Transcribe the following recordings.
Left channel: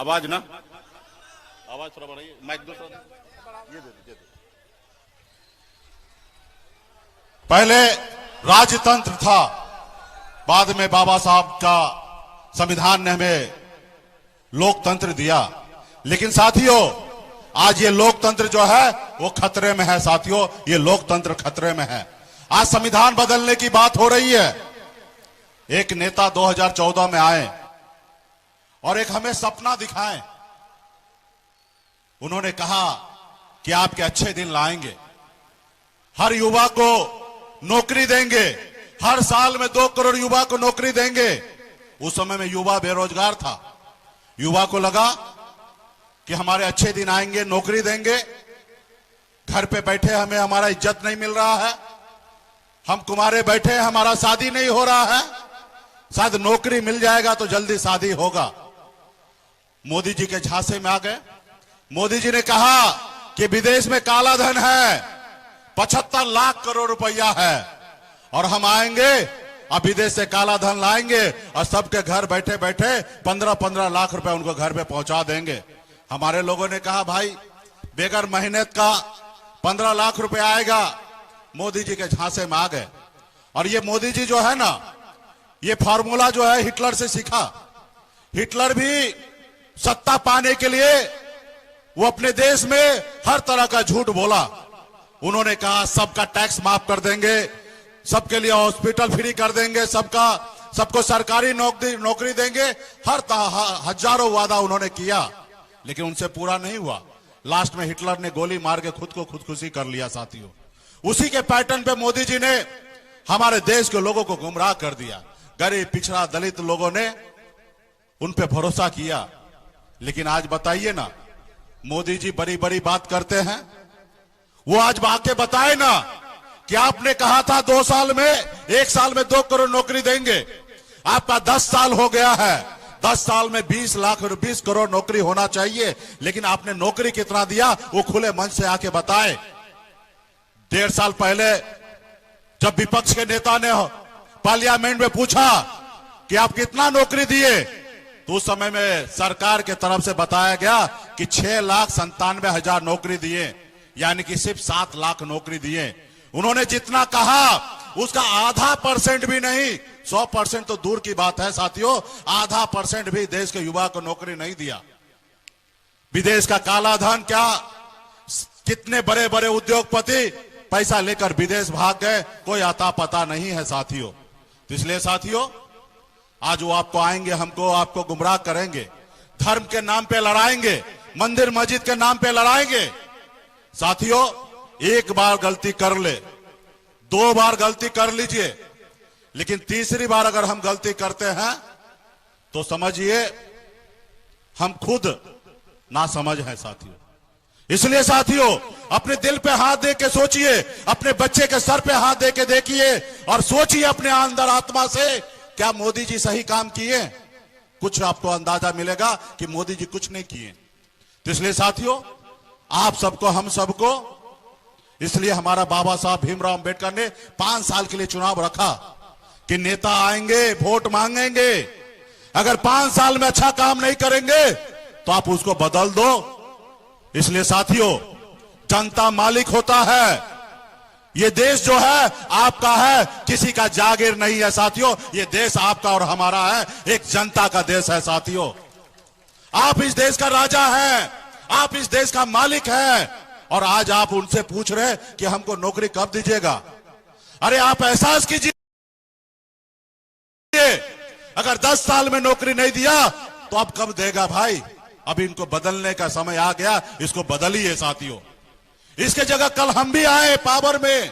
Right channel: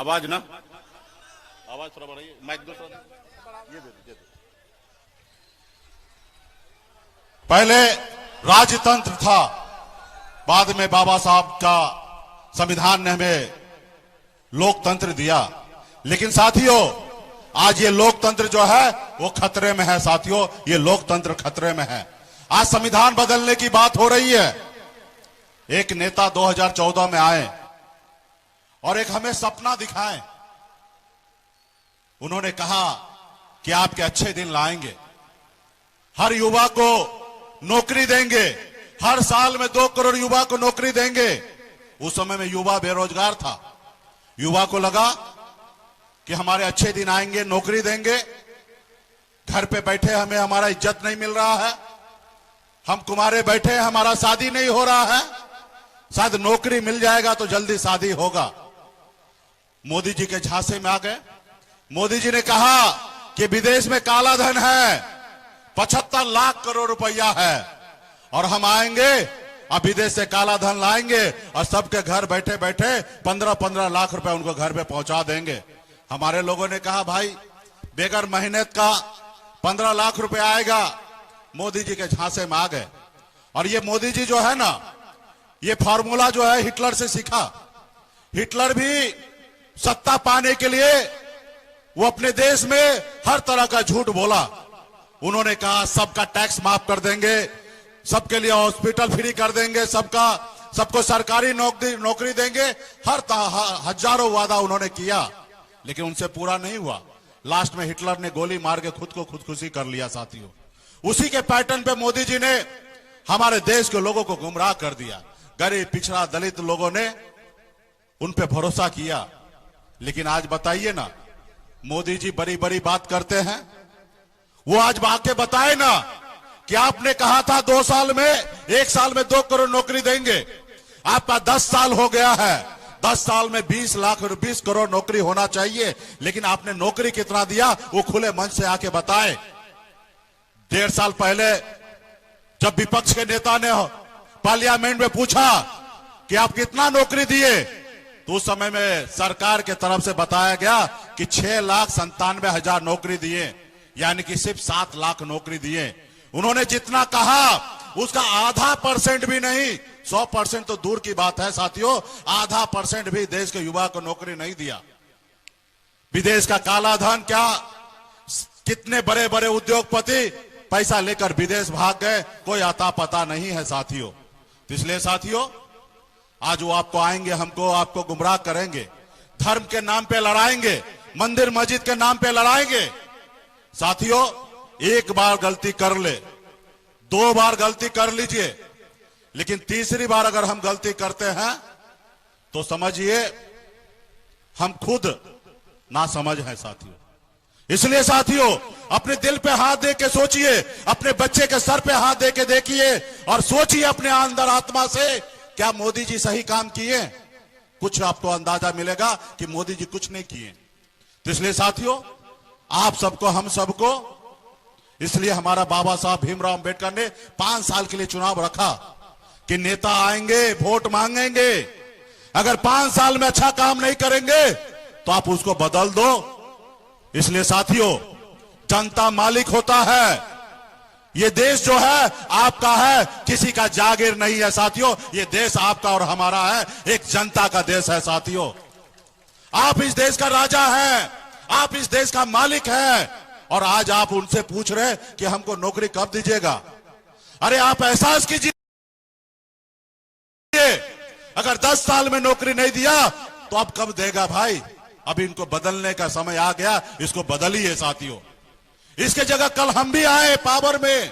आवाज ना, आवाज थोड़ा बढ़ाइए, माइक दो थोड़ा, ये दे। पहले राजतंत्र था, बाद में बाबा साहब का संविधान ने हमें लोकतंत्र दिया। लेकिन साथियों, आज ये लोकतंत्र जो है वो खतरे में है। साथियों, ये लोकतंत्र खतरे में है। आज संविधान बदलने की बात हो रही है। एक नेता 2014 में आए और एक हमें सपना दिखाएं। उन्होंने कहा कि आपके अच्छे दिन लाएंगे, हर युवा को नौकरी देंगे, हर साल में 2 करोड़ युवा को नौकरी देंगे। उस समय में युवा बेरोजगार था। युवा को लगा कि हमारे अच्छे दिन आएंगे, नौकरी देंगे, घर पे बैठे हमें हमारा इज्जत नहीं मिल रहा है, हम कुमारे बैठे हमारा शादी नहीं हो रहा है, शायद नौकरी मिल जाएगा तो जल्दी शादी होगा। मोदी जी के झांसे में आ गए। मोदी जी ने कहा कि विदेश में काला धन है, 75 लाख करोड़ रुपया है, और हम आएंगे, अब विदेश से काला धन लाएंगे और सबके घर बैठे बैठे 15-15 लाख रुपए उनको घर पे पहुंचा देंगे। हमारे लोगों ने कहा भाई बेगर मेहनत का 15 लाख रुपए आएगा। मोदी जी के झांसे में आ गए। और ये मोदी जी जो है ना, ये फार्मूला जो है हिटलर से सीखा। हिटलर भी सत्ता पाने के लिए वो अपने देश में हर तरह का झूठ बोला। उन्होंने कहा सबका टैक्स माफ कर देंगे, सबके लिए हॉस्पिटल फ्री कर देंगे, सबको सरकारी नौकरी देंगे, हजारों वादा उन्होंने किया, लेकिन उनसे पूरा नहीं हुआ। लास्ट में हिटलर ने गोली मार के खुद को खुदकुशी कर लिया। साथियों, उसी के पैटर्न पे मोदी जी ने हमारे देश के लोगों को गुमराह कर दिया। गरीब, पिछड़ा, दलित लोगों ने उन पे भरोसा किया। लेकिन आज बताइए ना, मोदी जी बड़ी बड़ी बात करते हैं, वो आज आके बताए ना कि आपने कहा था 2 साल में, 1 साल में 2 करोड़ नौकरी देंगे। आपका 10 साल हो गया है, 10 साल में 20 करोड़ नौकरी होना चाहिए, लेकिन आपने नौकरी कितना दिया वो खुले मन से आके बताए। 1.5 साल पहले जब विपक्ष के नेता ने पार्लियामेंट में पूछा कि आप कितना नौकरी दिए, तो उस समय में सरकार के तरफ से बताया गया कि 6,97,000 नौकरी दिए, यानी कि सिर्फ 7 लाख नौकरी दिए। उन्होंने जितना कहा उसका आधा % भी नहीं, 100% तो दूर की बात है साथियों, आधा % भी देश के युवा को नौकरी नहीं दिया। विदेश का काला धन, क्या कितने बड़े बड़े उद्योगपति पैसा लेकर विदेश भाग गए, कोई अता पता नहीं है साथियों। इसलिए साथियों, आज वो आपको आएंगे, आपको गुमराह करेंगे, धर्म के नाम पे लड़ाएंगे, मंदिर मस्जिद के नाम पे लड़ाएंगे। साथियों, एक बार गलती कर ले, 2 बार गलती कर लीजिए, लेकिन तीसरी बार अगर हम गलती करते हैं तो समझिए हम खुद ना समझ है साथियों। इसलिए साथियों, अपने दिल पे हाथ दे के सोचिए, अपने बच्चे के सर पे हाथ दे के देखिए और सोचिए अपने अंदर आत्मा से, क्या मोदी जी सही काम किए? कुछ आपको अंदाजा मिलेगा कि मोदी जी कुछ नहीं किए। तो इसलिए साथियों, आप सबको, हम सबको, इसलिए हमारा बाबा साहब भीमराव अंबेडकर ने 5 साल के लिए चुनाव रखा कि नेता आएंगे, वोट मांगेंगे, अगर 5 साल में अच्छा काम नहीं करेंगे तो आप उसको बदल दो। इसलिए साथियों, जनता मालिक होता है, ये देश जो है आपका है, किसी का जागीर नहीं है साथियों। ये देश आपका और हमारा है, एक जनता का देश है साथियों। आप इस देश का राजा हैं, आप इस देश का मालिक हैं, और आज आप उनसे पूछ रहे कि हमको नौकरी कब दीजिएगा। अरे आप एहसास कीजिए, अगर 10 साल में नौकरी नहीं दिया तो अब कब देगा भाई? अब इनको बदलने का समय आ गया, इसको बदलिए साथियों। इसके जगह कल हम भी आए पावर में,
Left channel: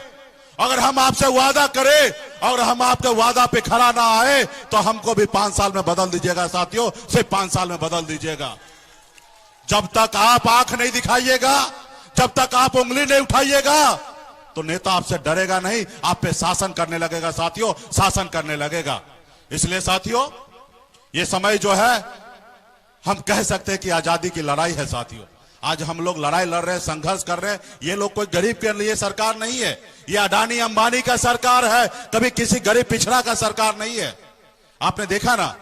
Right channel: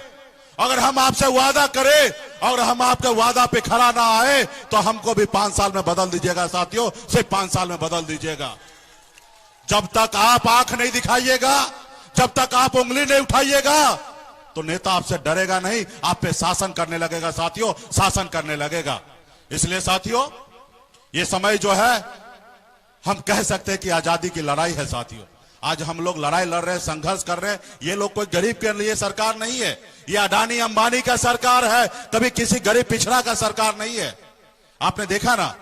अगर हम आपसे वादा करें और हम आपके वादा पे खरा ना आए तो हमको भी 5 साल में बदल दीजिएगा साथियों, सिर्फ 5 साल में बदल दीजिएगा। जब तक आप आंख नहीं दिखाइएगा, जब तक आप उंगली नहीं उठाइएगा, तो नेता आपसे डरेगा नहीं, आप पे शासन करने लगेगा साथियों, शासन करने लगेगा। इसलिए साथियों, ये समय जो है हम कह सकते हैं कि आजादी की लड़ाई है साथियों। आज हम लोग लड़ाई लड़ रहे हैं, संघर्ष कर रहे हैं। ये लोग कोई गरीब के लिए सरकार नहीं है, ये अडानी अंबानी का सरकार है, कभी किसी गरीब पिछड़ा का सरकार नहीं है। आपने देखा ना,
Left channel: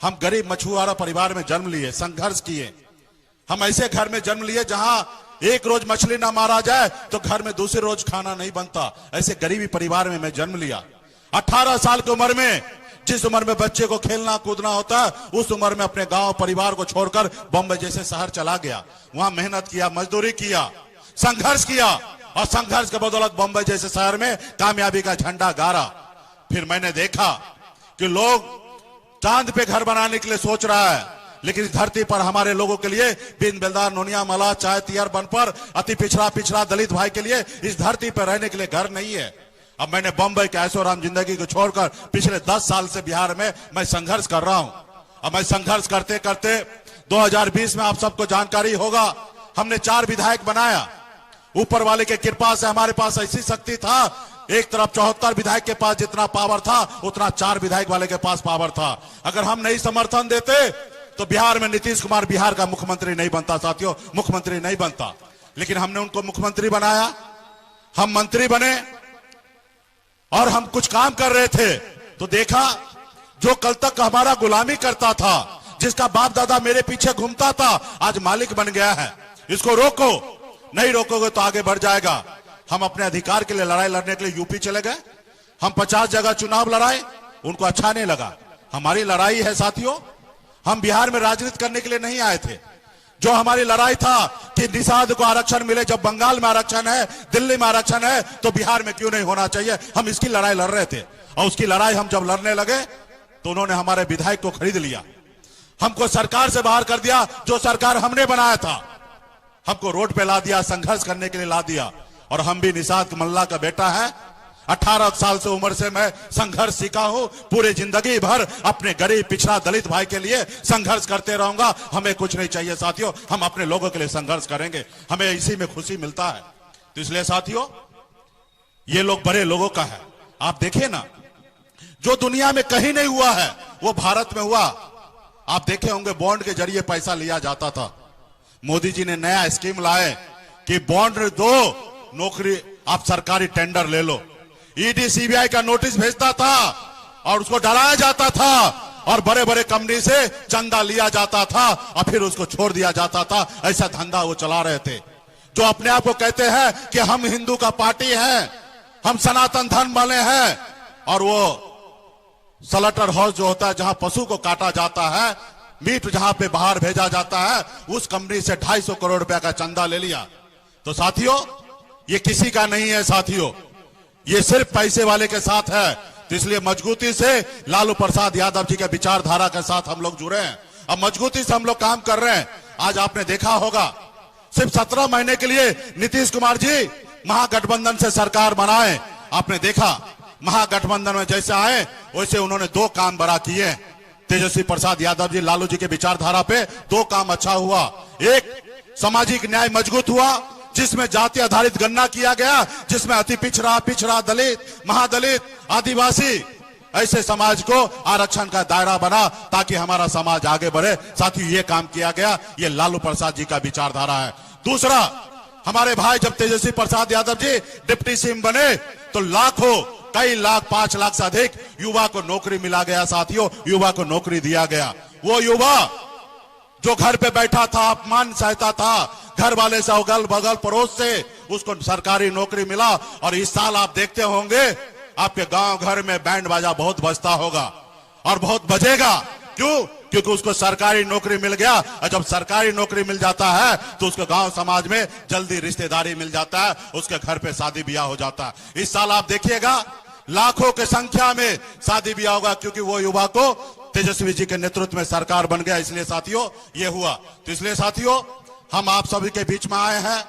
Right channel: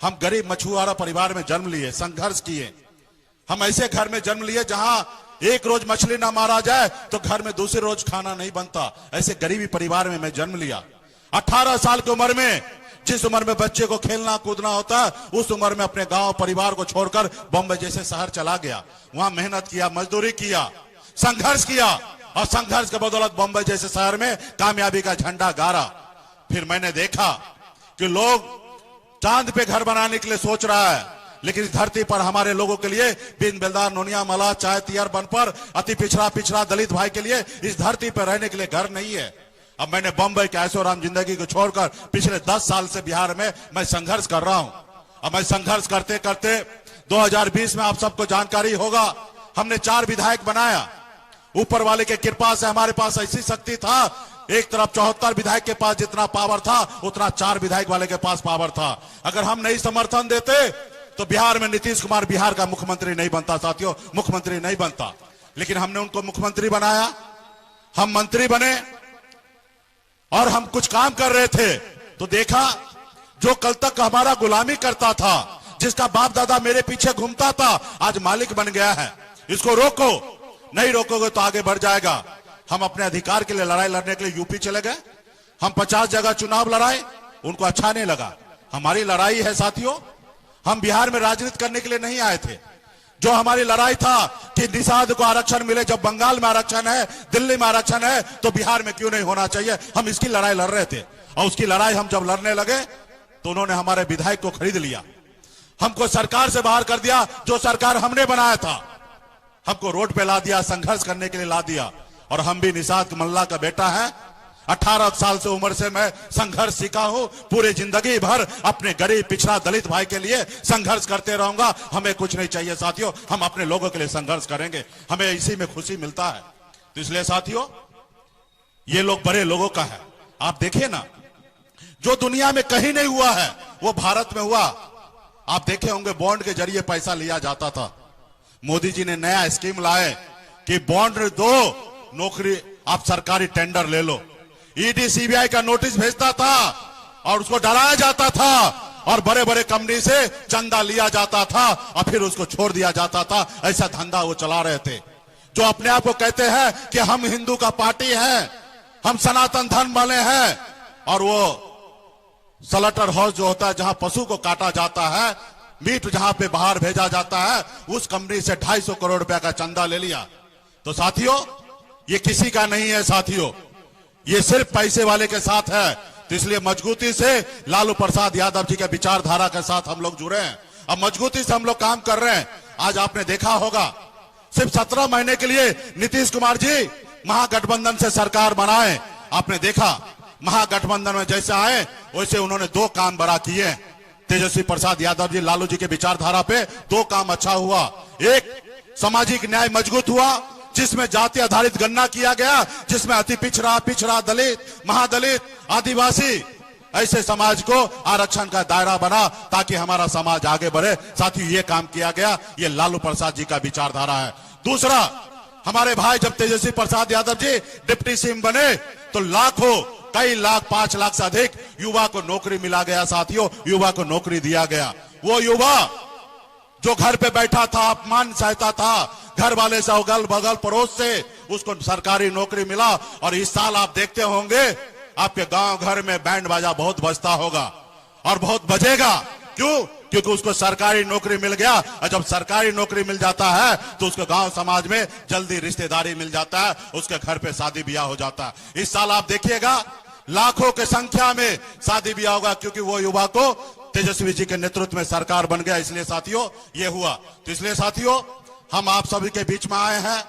हम गरीब मछुआरा परिवार में जन्म लिए, संघर्ष किए। हम ऐसे घर में जन्म लिए जहां एक रोज मछली ना मारा जाए तो घर में दूसरे रोज खाना नहीं बनता। ऐसे गरीबी परिवार में मैं जन्म लिया। 18 साल की उम्र में, जिस उम्र में बच्चे को खेलना कूदना होता है, उस उम्र में अपने गांव परिवार को छोड़कर बॉम्बे जैसे शहर चला गया। वहां मेहनत किया, मजदूरी किया, संघर्ष किया और संघर्ष के बदौलत बॉम्बे जैसे शहर में कामयाबी का झंडा गाड़ा। फिर मैंने देखा कि लोग चांद पे घर बनाने के लिए सोच रहा है, लेकिन इस धरती पर हमारे लोगों के लिए बिन बेलदार, नोनिया, मला, चाय, तियर, बनपर, अति पिछड़ा दलित भाई के लिए इस धरती पर रहने के लिए घर नहीं है। अब मैंने बम्बई के ऐशो आराम जिंदगी को छोड़कर पिछले 10 साल से बिहार में मैं संघर्ष कर रहा हूं। अब मैं संघर्ष करते करते 2020 में आप सबको जानकारी होगा, हमने 4 विधायक बनाया। ऊपर वाले की कृपा से हमारे पास ऐसी शक्ति था, एक तरफ 74 विधायक के पास जितना पावर था उतना 4 विधायक वाले के पास पावर था। अगर हम नहीं समर्थन देते तो बिहार में नीतीश कुमार बिहार का मुख्यमंत्री नहीं बनता साथियों, मुख्यमंत्री नहीं बनता। लेकिन हमने उनको मुख्यमंत्री बनाया, हम मंत्री बने और हम कुछ काम कर रहे थे तो देखा जो कल तक हमारा गुलामी करता था, जिसका बाप दादा मेरे पीछे घूमता था, आज मालिक बन गया है। इसको रोको, नहीं रोकोगे तो आगे बढ़ जाएगा। हम अपने अधिकार के लिए लड़ाई लड़ने के लिए यूपी चले गए। हम 50 जगह चुनाव लड़ाए, उनको अच्छा नहीं लगा। हमारी लड़ाई है साथियों, हम बिहार में राजनीति करने के लिए नहीं आए थे। जो हमारी लड़ाई था कि निषाद को आरक्षण मिले, जब बंगाल में आरक्षण है, दिल्ली में आरक्षण है, तो बिहार में क्यों नहीं होना चाहिए, हम इसकी लड़ाई लड़ रहे थे। और उसकी लड़ाई हम जब लड़ने लगे तो उन्होंने हमारे विधायक को खरीद लिया, हमको सरकार से बाहर कर दिया। जो सरकार हमने बनाया था हमको रोड पे ला दिया, संघर्ष करने के लिए ला दिया। और हम भी निषाद मल्ला का बेटा है। 18 साल से उम्र से मैं संघर्ष सीखा हूं। पूरी जिंदगी भर अपने गरीब पिछड़ा दलित भाई के लिए संघर्ष करते रहूंगा। हमें कुछ नहीं चाहिए साथियों, हम अपने लोगों के लिए संघर्ष करेंगे, हमें इसी में खुशी मिलता है। तो इसलिए साथियों, ये लोग बड़े लोगों का है। आप देखिए ना, जो दुनिया में कहीं नहीं हुआ है वो भारत में हुआ। आप देखे होंगे बॉन्ड के जरिए पैसा लिया जाता था। मोदी जी ने नया स्कीम लाए कि बॉन्ड दो, नौकरी आप सरकारी टेंडर ले लो। ईडी सीबीआई का नोटिस भेजता था और उसको डराया जाता था और बड़े बड़े कंपनी से चंदा लिया जाता था और फिर उसको छोड़ दिया जाता था। ऐसा धंधा वो चला रहे थे। जो अपने आप को कहते हैं कि हम हिंदू का पार्टी है, हम सनातन धर्म वाले हैं, और वो स्लॉटर हाउस जो होता है जहां पशु को काटा जाता है, मीट जहां पे बाहर भेजा जाता है, उस कंपनी से 250 करोड़ रुपया का चंदा ले लिया। तो साथियों, ये किसी का नहीं है साथियों, ये सिर्फ पैसे वाले के साथ है। तो इसलिए मजबूती से लालू प्रसाद यादव जी के विचारधारा के साथ हम लोग जुड़े हैं। अब मजबूती से हम लोग काम कर रहे हैं। आज आपने देखा होगा, सिर्फ 17 महीने के लिए नीतीश कुमार जी महागठबंधन से सरकार बनाए। आपने देखा महागठबंधन में जैसे आए वैसे उन्होंने 2 काम बड़ा किए। तेजस्वी प्रसाद यादव जी, लालू जी के विचारधारा पे 2 काम अच्छा हुआ। एक, सामाजिक न्याय मजबूत हुआ, जिसमें जाति आधारित गणना किया गया, जिसमें अति पिछड़ा, दलित, महादलित, आदिवासी ऐसे समाज को आरक्षण का दायरा बना ताकि हमारा समाज आगे बढ़े। साथियों, ये काम किया गया, ये लालू प्रसाद जी का विचारधारा है। दूसरा, हमारे भाई जब तेजस्वी प्रसाद यादव जी डिप्टी सीएम बने तो लाखों, कई लाख, 5 लाख से अधिक युवा को नौकरी मिला गया साथियों, युवा को नौकरी दिया गया। वो युवा जो घर पे बैठा था, अपमान सहता था, घर वाले से, अगल बगल पड़ोस से, उसको सरकारी नौकरी मिला। और इस साल आप देखते होंगे आपके गांव घर में बैंड बाजा बहुत बजता होगा और बहुत बजेगा। क्यों? क्योंकि उसको सरकारी नौकरी मिल गया। और जब सरकारी नौकरी मिल जाता है तो उसके गांव समाज में जल्दी रिश्तेदारी मिल जाता है, उसके घर पे शादी ब्याह हो जाता है। इस साल आप देखिएगा लाखों की संख्या में शादी ब्याह होगा, क्योंकि वो युवा को तेजस्वी जी के नेतृत्व में सरकार बन गया। इसलिए साथियों ये हुआ। तो इसलिए साथियों, हम आप सभी के बीच में आए हैं।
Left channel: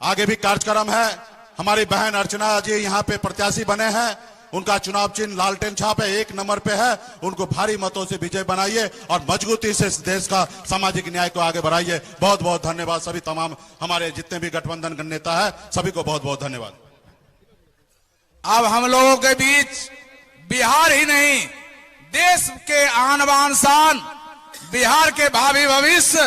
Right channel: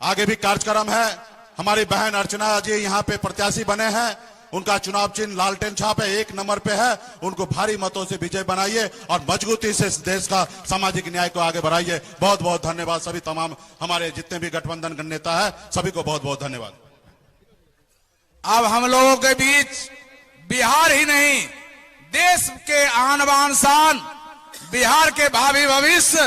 आगे भी कार्यक्रम है। हमारी बहन अर्चना जी यहाँ पे प्रत्याशी बने हैं, उनका चुनाव चिन्ह लालटेन छाप है, 1 नंबर पे है। उनको भारी मतों से विजय बनाइए और मजबूती से इस देश का सामाजिक न्याय को आगे बढ़ाइए। बहुत बहुत धन्यवाद सभी तमाम हमारे जितने भी गठबंधन के नेता है, सभी को बहुत बहुत धन्यवाद। अब हम लोगों के बीच बिहार ही नहीं, देश के आन बान शान, बिहार के भावी भविष्य